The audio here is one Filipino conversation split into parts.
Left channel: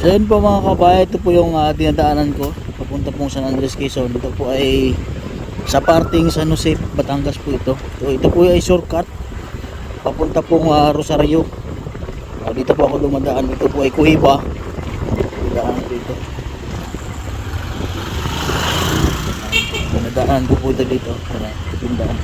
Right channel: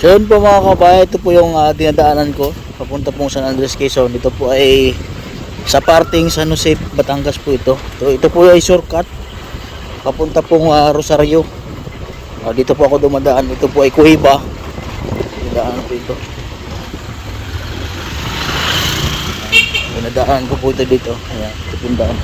So yun po mga kabayan, ito po yung dinadaanan ko papunta pong San Andres, Quezon. Ito po ay sa parting San Jose, Batangas po ito. Ito po ay shortcut papunta pong Rosario. Dito po ako dumadaan. Ito po ay Kuhiba. Dinadaan po ito. Dinadaan ko po ito dito. Ayan, ito po yung daan.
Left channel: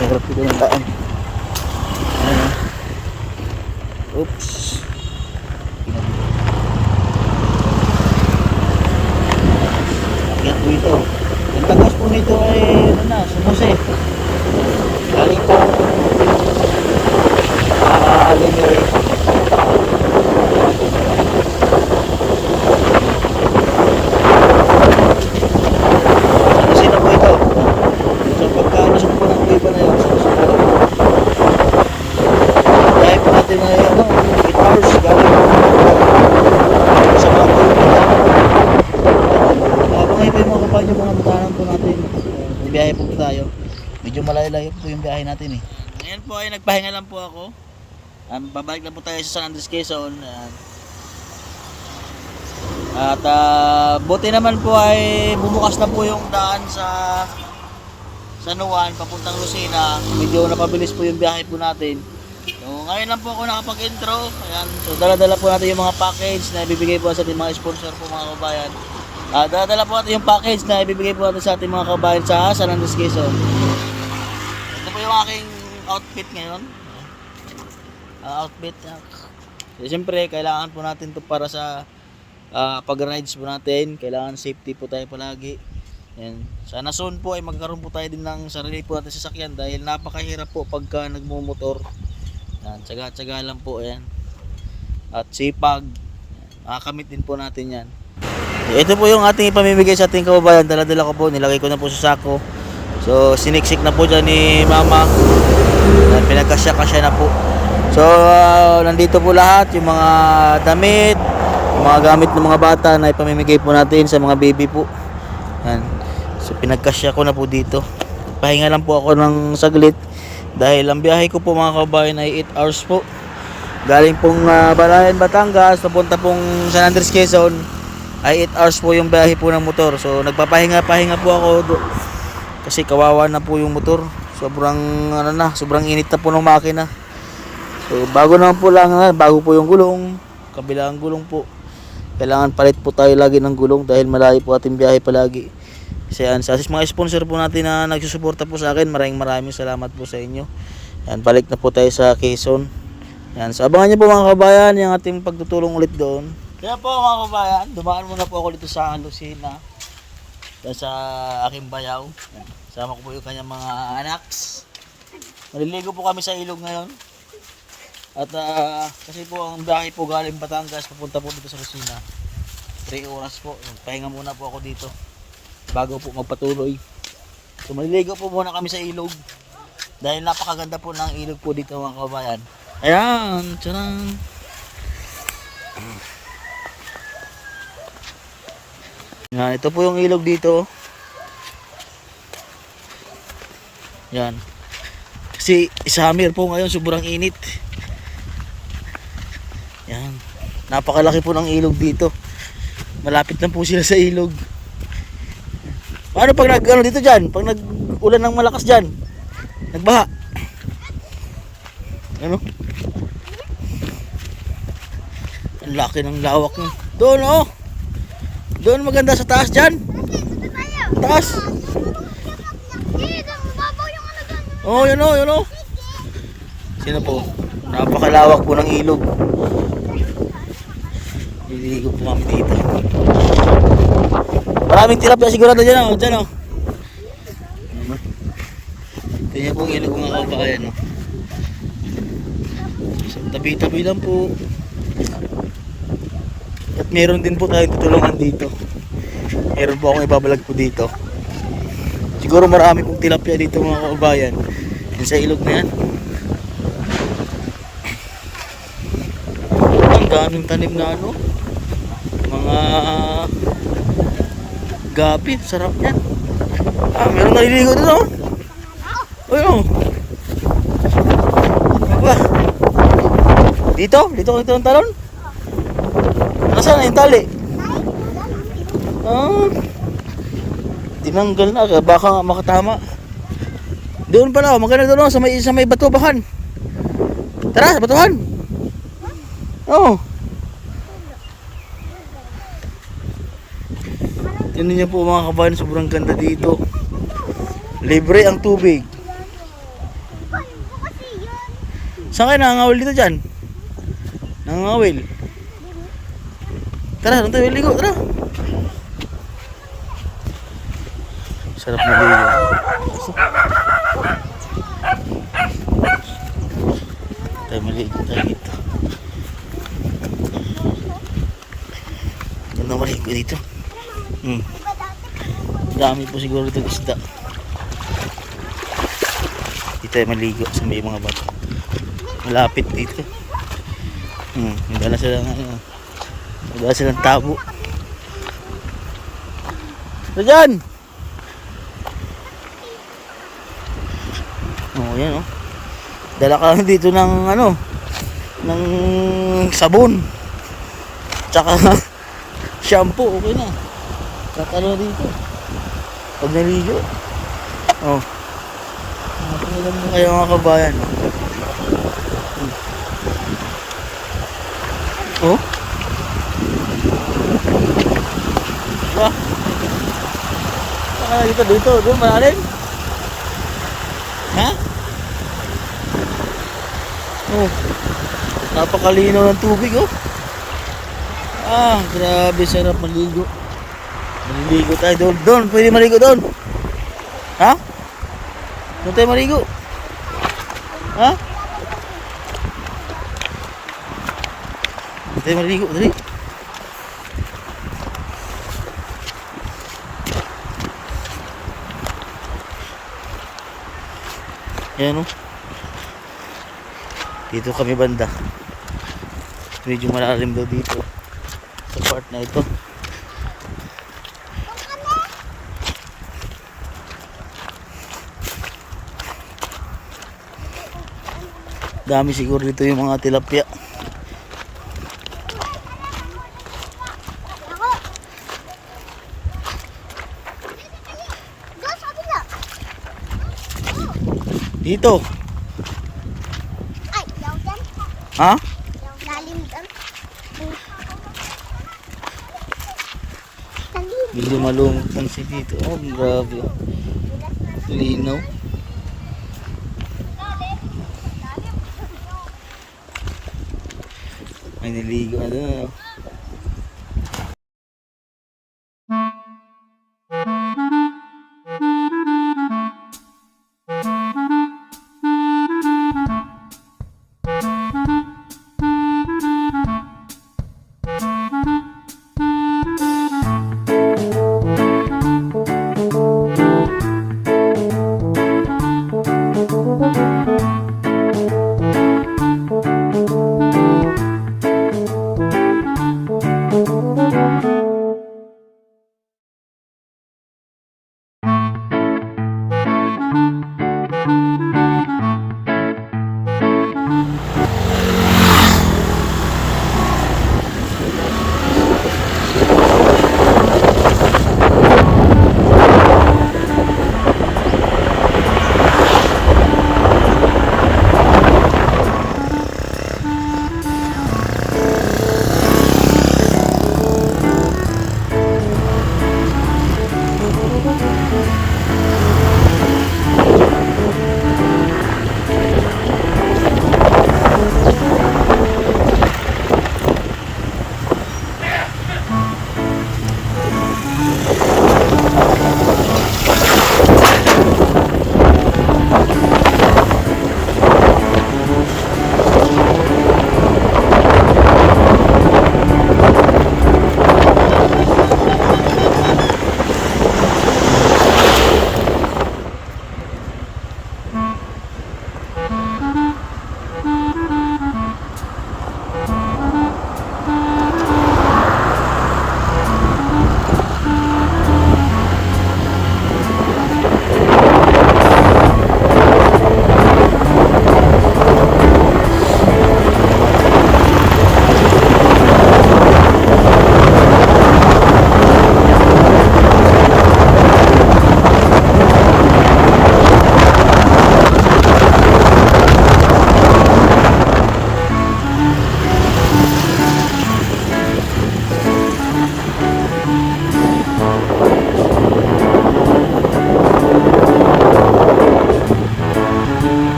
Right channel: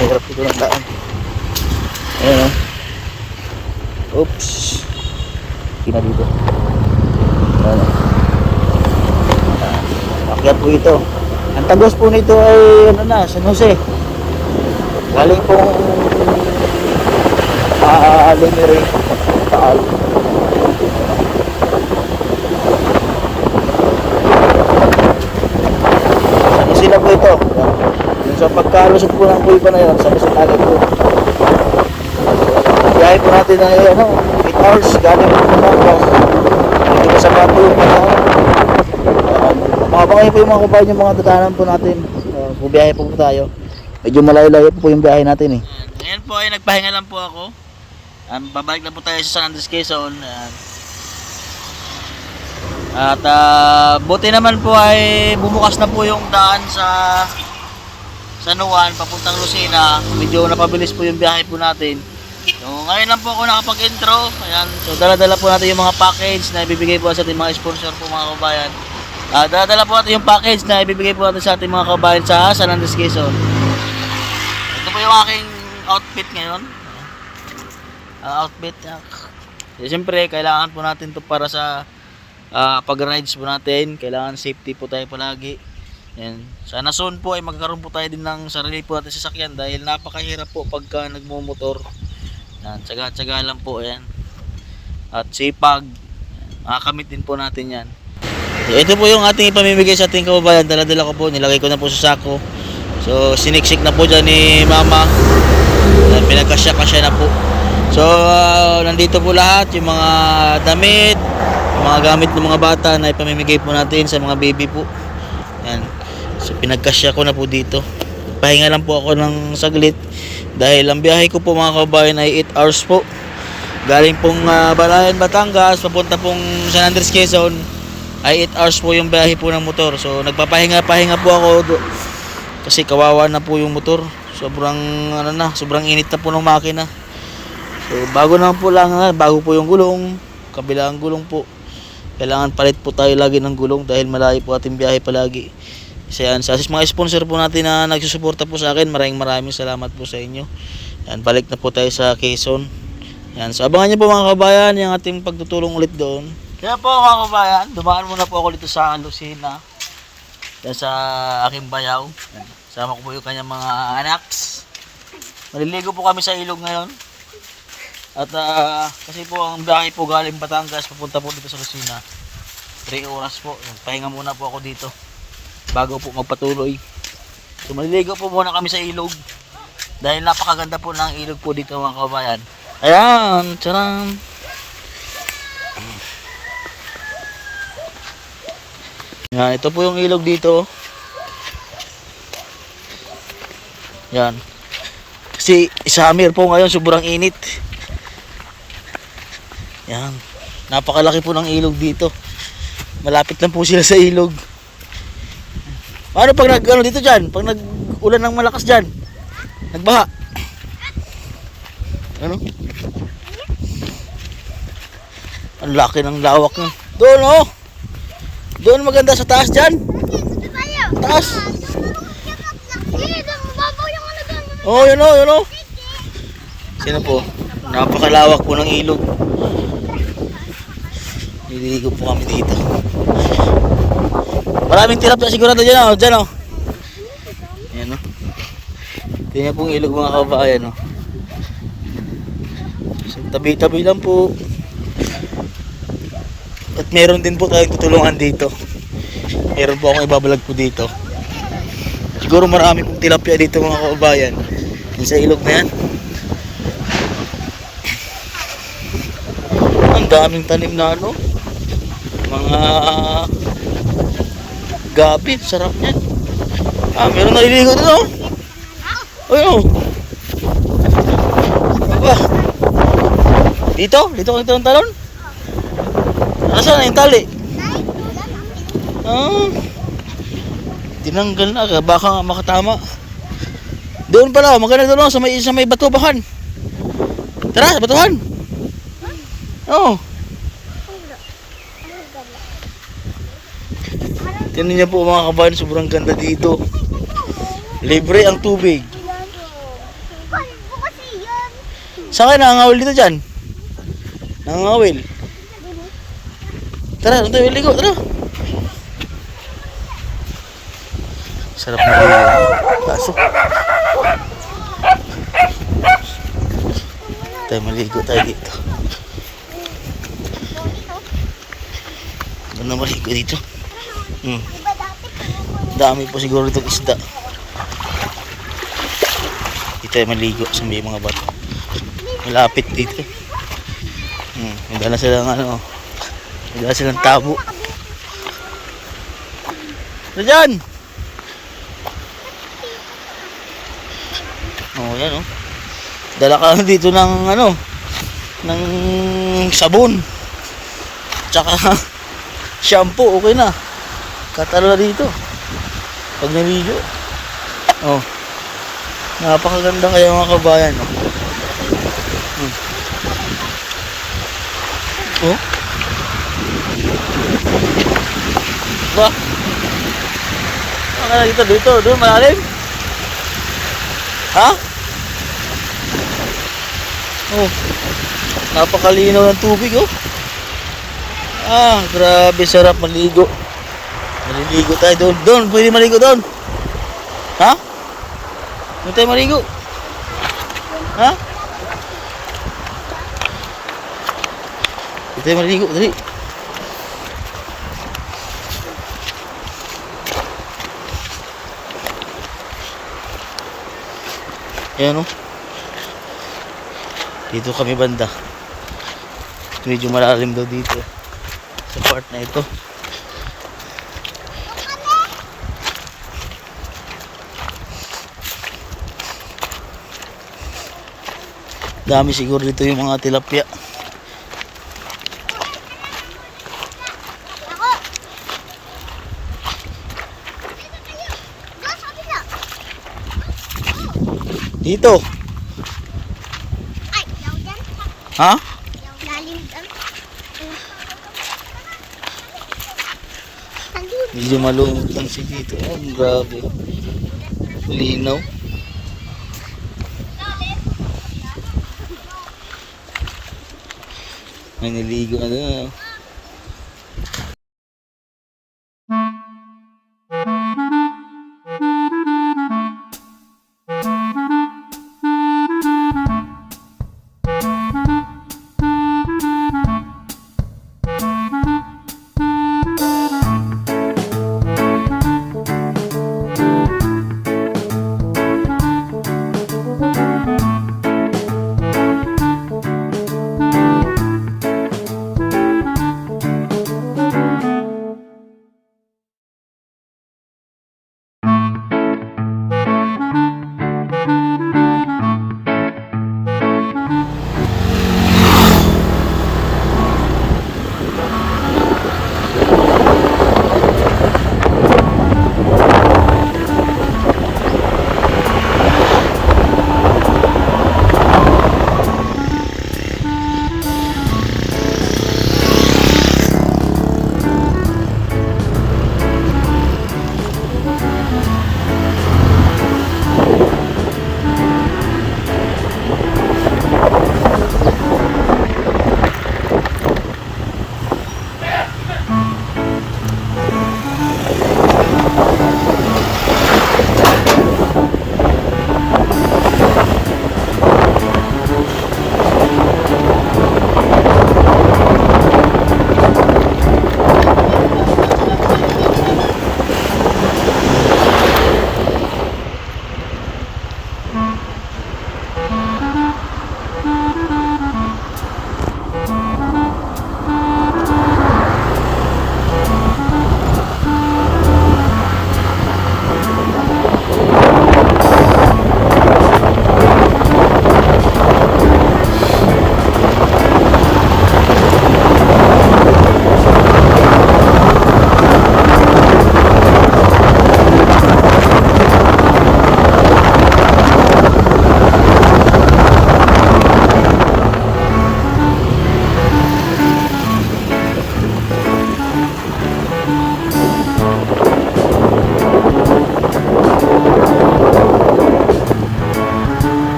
Hirap ito ng daan. Ayan o. Oops. Hindi na dito. Ayan. Kaya po ito. Ang tagos po nito ay ano na, San Jose. Galing po Limery. San Jose na po ito. Yung sa pagkalusot po ng Kuhiba na yun, San Jose na ito. Kaya po natin ay 8 hours galing po natin. Hindi ko sa mga po yung makabangayin po yung mga kabayan yung mga dadaanan po natin. Bubiyahe po tayo. Medyo malayo-layo po yung biyahe natin eh. Ngayon po ay nagpahinga lang po ako. Babalik na po tayo sa San Andres, Quezon. At buti naman po ay bumukas na po yung daan sa San Juan papuntang Lucena. Medyo napabilis po yung biyahe po natin. So ngayon lang po ako nakapag-intro. Ayan. So dala-dala po natin yung mga package na ibibigay po sa ating mga sponsor po mga kabayan. Dala-dala po natin yung package na ibibigay po natin sa ating mga kabayan sa San Andres, Quezon. Ito po yung aking outfit ngayon. Outfit. Siyempre kailangan po natin to para sa pag-rides po natin. Kailangan safety po tayo palagi. Yan. Sana soon po ay magkaroon po tayo din ng sarili po natin sasakyan dahil napakahirap po pagka nagmumotor. Yan, tsaga-tsaga lang po yan. At sipag. Makakamit din po natin yan. Ito po yung ating ipamimigay sa ating kababayan. Dala-dala ko po, nilagay ko na po sa sako. So siniksik na po dyan ni mama. Pinagkasya-kasya na po. So nandito po lahat yung mga damit, yung mga gamit ng mga bata na ipamimigay po natin sa mga baby po. Yan. So pinagkasya ko na po dito. Pahinga lang po ako ng saglit dahil ang biyahe ko po mga kababayan ay 8 hours po. Galing pong Balayan, Batangas papunta pong San Andres, Quezon ay 8 hours po yung biyahe po ng motor. So nagpapahinga po ako kasi kawawa na po yung motor. Sobrang sobrang init na po ng makina. So bago po yung gulong, kabilang gulong po. Kailangan palit po tayo lagi ng gulong dahil malayo po ating biyahe palagi. Kasi yan, sa mga sponsor po natin na nagsusuporta po sa akin, maraming salamat po sa inyo. Yan, balik na po tayo sa Quezon. Yan, so abangan niyo po mga kabayan yung ating pagtutulong ulit doon. Kaya po mga kabayan, dumaan muna po ako dito sa Lucena. Yan sa aking bayaw. Yan, sama ko po yung kanyang mga anaks. Maliligo po kami sa ilog ngayon. At kasi po ang biyahe po galing Batangas papunta po dito sa Lucena 3 oras po. Pahinga muna po ako dito bago po magpatuloy. So maliligo po muna kami sa ilog dahil napakaganda po ng ilog po dito mga kabayan. Ayan, tsaram. Yan, ito po yung ilog dito. Yan. Kasi summer po ngayon, sobrang init. Yan. Napakalaki po ng ilog dito. Malapit lang po sila sa ilog. Paano pag dito dyan? Pag nag-ulan ng malakas dyan? Nagbaha? Ano? Ang laki ng lawak niya. Doon oh! Doon maganda sa taas dyan. Taas. Oh, yun oh. Sino po? Napakalawak po ng ilog. Nililigo po kami dito. Maraming tilapia sigurado dyan oh. Dyan oh. Yan oh. Tingnan pong ilog mga kabayan oh. So, tabi-tabi lang po. At meron din po tayong tutulungan dito. Meron po akong ibabalag po dito. Siguro marami pong tilapia dito mga kabayan. Yan sa ilog na yan. Ang daming tanim na mga gabi, sarap niyan. Meron naliligo dito oh. Ayun oh. Dito ang talon. Nasaan na yung tali? Ah, tinanggal na. Baka nga makatama. Doon pala, maganda doon sa may batubahan. Tara, sa batuhan. Oo. Tingnan niyo po mga kabayan, sobrang ganda dito. Libre ang tubig. Saan kayo nangangawil dito dyan? Nangangawil. Tara, doon tayo ligo, tara. Sarap na ligo. Kaso. Tayo maligo tayo dito. Doon na maligo dito. Dami po siguro itong isda. Dito tayo maligo sa may mga bato. Malapit dito. May dala silang ano. May dala silang tabo. Ano dyan? Oh, yan oh. Dala ka dito ng ano, ng sabon. Tsaka shampoo, okay na. Katalo na dito. Pag naligo. Oh. Napakaganda kaya mga kabayan, oh. Oh. Diba? Ano dito, doon malalim. Ha? Oh. Napakalinaw ng tubig, oh. Ah, grabe sarap maligo. Maliligo tayo doon, pwede maligo doon. Ha? Doon tayo maligo. Ha? Doon tayo maligo, dali. Ayan o. Dito kami banda. Medyo malalim daw dito. Sa part na ito. Dami siguro dito yung mga tilapia. Dito. Ay, yaw dyan. Ha? Lalim dyan. Medyo malumot lang siya dito. Oh, grabe. Linaw. May niligo na doon.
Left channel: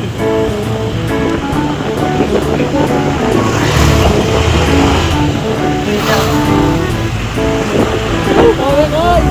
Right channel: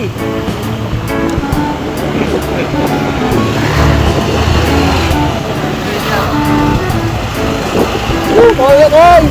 Kaya kay!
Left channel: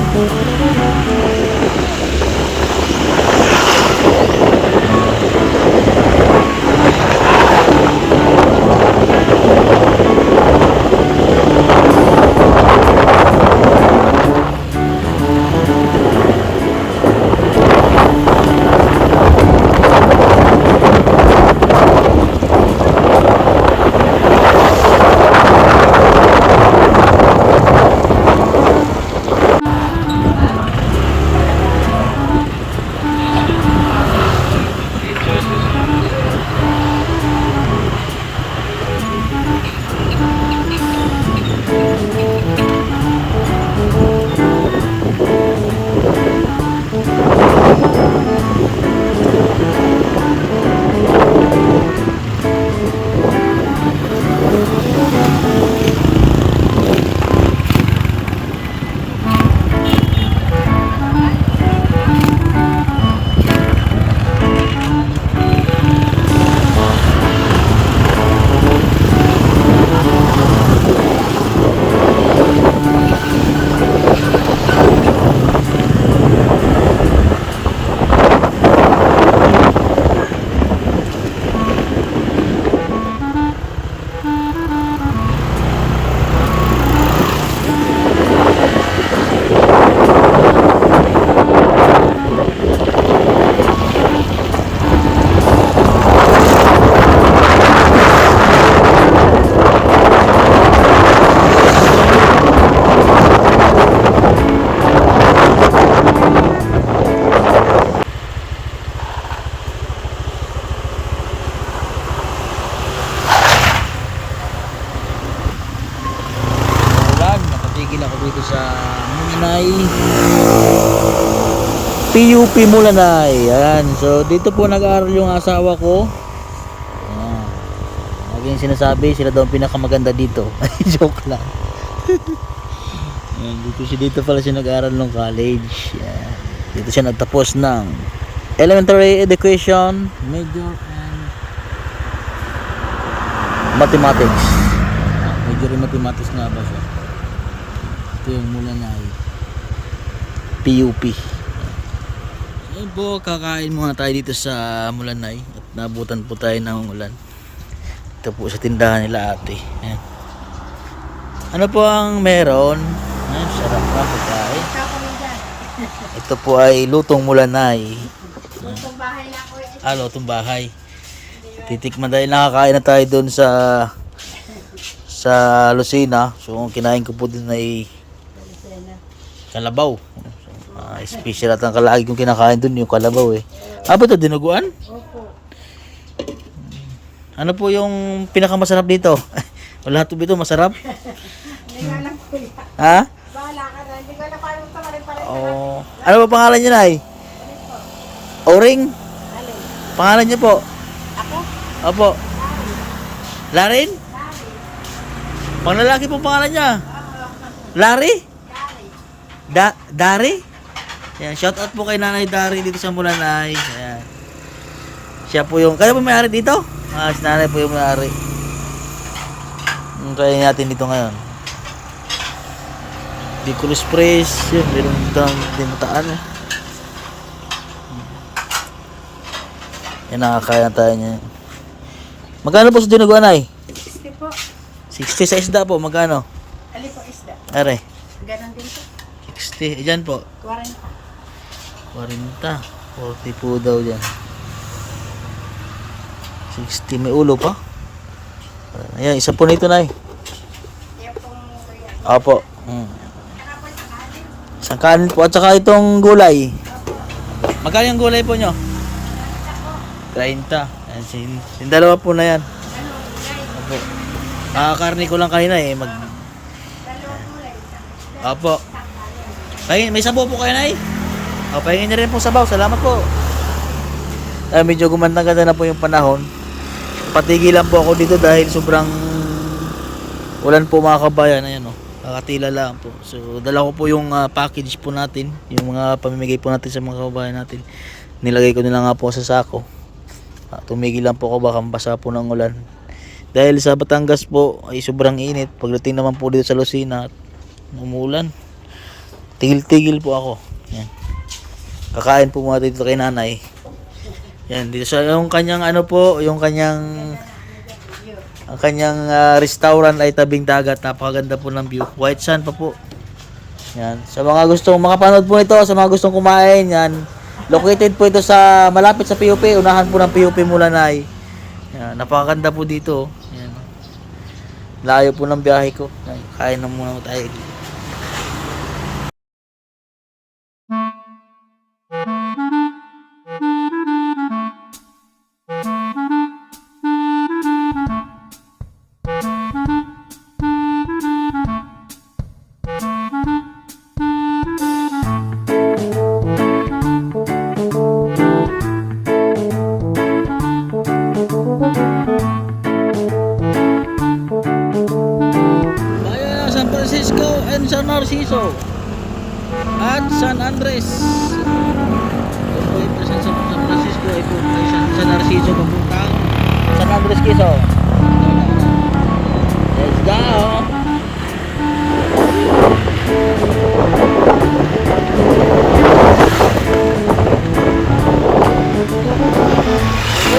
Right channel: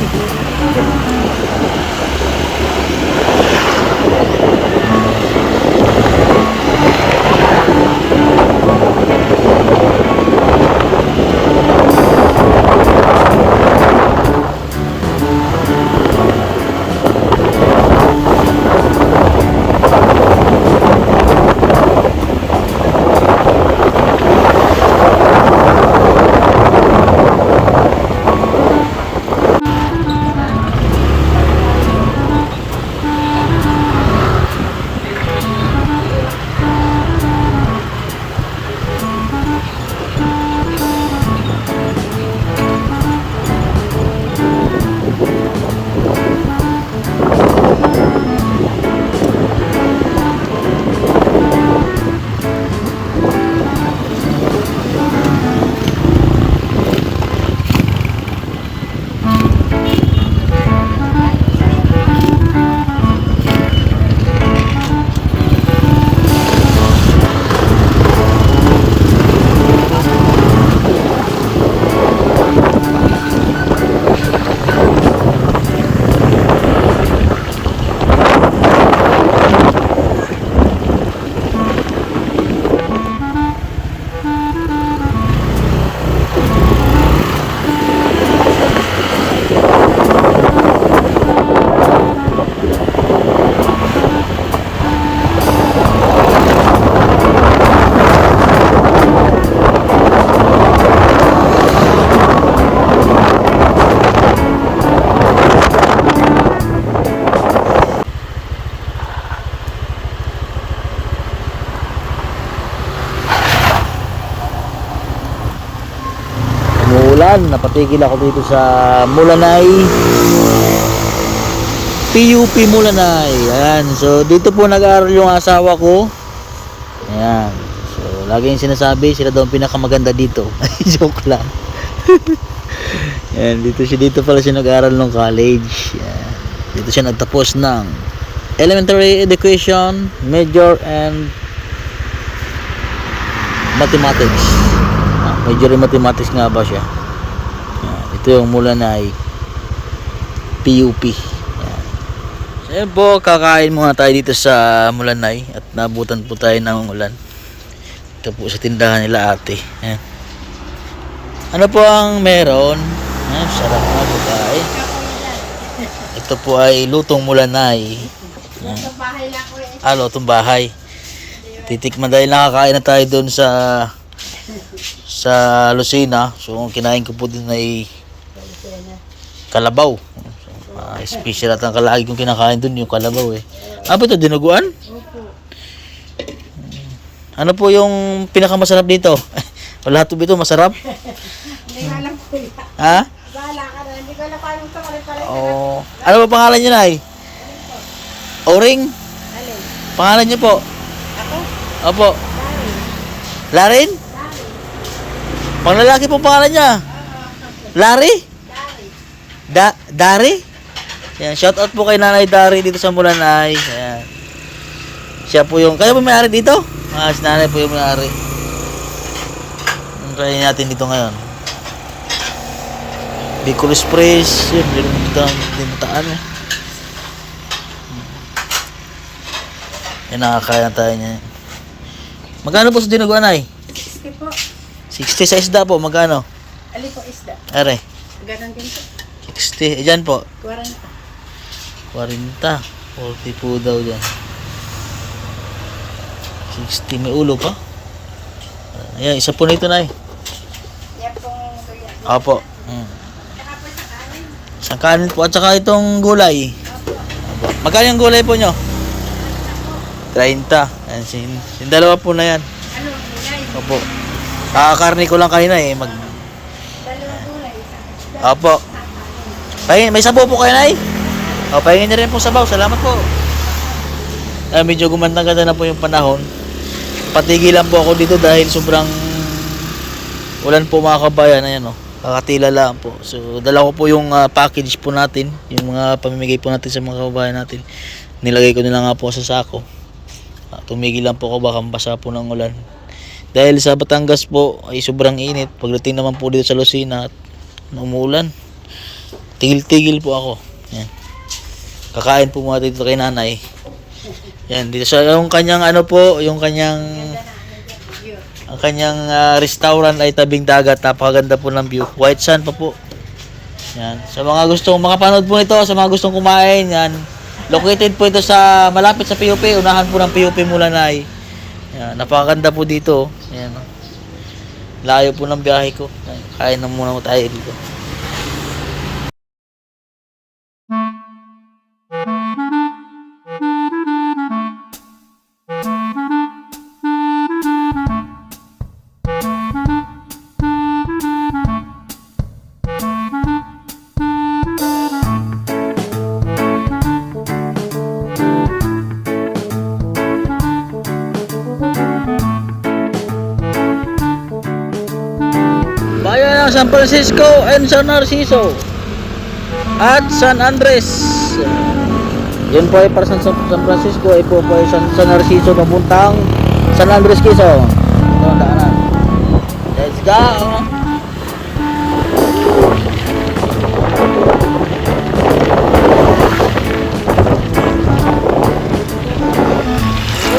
Napatigil ako dito sa Mulanay, PUP Mulanay. Ayan, so dito po nag-aaral yung asawa ko. Ayan, so lagi yung sinasabi sila daw ang pinakamaganda dito. Joke lang. Ayan, dito pala siya nag-aaral ng college. Ayan, dito siya nagtapos ng elementary education, major and mathematics. Major in mathematics nga ba siya. Ito yung Mulanay PUP. Yan. So yun po, kakain muna tayo dito sa Mulanay at nabutan po tayo ng ulan. Ito po sa tindahan nila ate. Yan. Ano po ang meron? Yan, sarap na po tayo. Ito po ay lutong Mulanay. Lutong bahay lang po. Lutong bahay. Titikman dahil nakakain na tayo doon sa Lucena. So ang kinain ko po din ay kalabaw. Special at ang kalagi kong kinakain dun yung kalabaw eh. Ano ito? Dinuguan? Opo. Ano po yung pinakamasarap dito? Wala ito ito masarap? Hindi ko alam po yan. Ha? Wala ka na. Hindi ko alam paano ito pala. Oh. Ano ba pangalan nyo na eh? Oring? Alin? Pangalan nyo po? Ako? Opo. Larin. Larin? Larin. Panglalaki pong pangalan niya? Larry? Dari? Ayan, shout out po kay Nanay Dari dito sa Mulanay. Ayan. Siya po yung, kaya po may-ari dito? Si Nanay po yung may-ari. Kaya natin dito ngayon. Bicol Express. Yun, hindi mo taan. Yan, nakakaya tayo niya. Magkano po sa dinuguan ay? 60 po. 60 sa isda po, magkano? Ali po isda. Are. Ganon din po. 60. Dyan po. 40. 40. 40 po daw dyan. 60. May ulo pa. Ayan, isa po nito na eh. Yan pong Opo. Isang kanin po at saka itong gulay. Opo. Magkano yung gulay po nyo? 30. Ayan, yung dalawa po na yan. ano, gulay. Opo. Kakakarni ko lang kanina eh. Dalawang gulay. Opo. May sabaw po kayo, Nay? O, pahingin na rin po sabaw. Salamat po. Medyo gumanda-ganda na po yung panahon. Patigilan po ako dito dahil sobrang ulan po mga kabayan. Ayan o. Kakatila lang po. So, dala ko po yung package po natin. Yung mga pamimigay po natin sa mga kabayan natin. Nilagay ko nila nga po sa sako. Tumigil lang po ako, baka mabasa po ng ulan. Dahil sa Batangas po ay sobrang init. Pagdating naman po dito sa Lucena at umuulan, tigil-tigil po ako. Yan. Kakain po muna dito kay nanay. Yan, dito sa yung kanyang ano po, yung kanyang ang kanyang restaurant ay tabing dagat. Napakaganda po ng view. White sand pa po. Yan. Sa mga gustong makapanood po nito, sa mga gustong kumain, yan. Located po ito sa malapit sa PUP, unahan po ng PUP Mulanay. Yan, napakaganda po dito. Yan. Layo po ng biyahe ko. Kain na muna tayo dito. Bayan ng San Francisco and San Narciso at San Andres. Yun po ay para sa San Francisco, ay po ay San Narciso papuntang San Andres Quezon. Ito ang daanan. Let's go!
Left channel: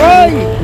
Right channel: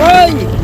Hoy!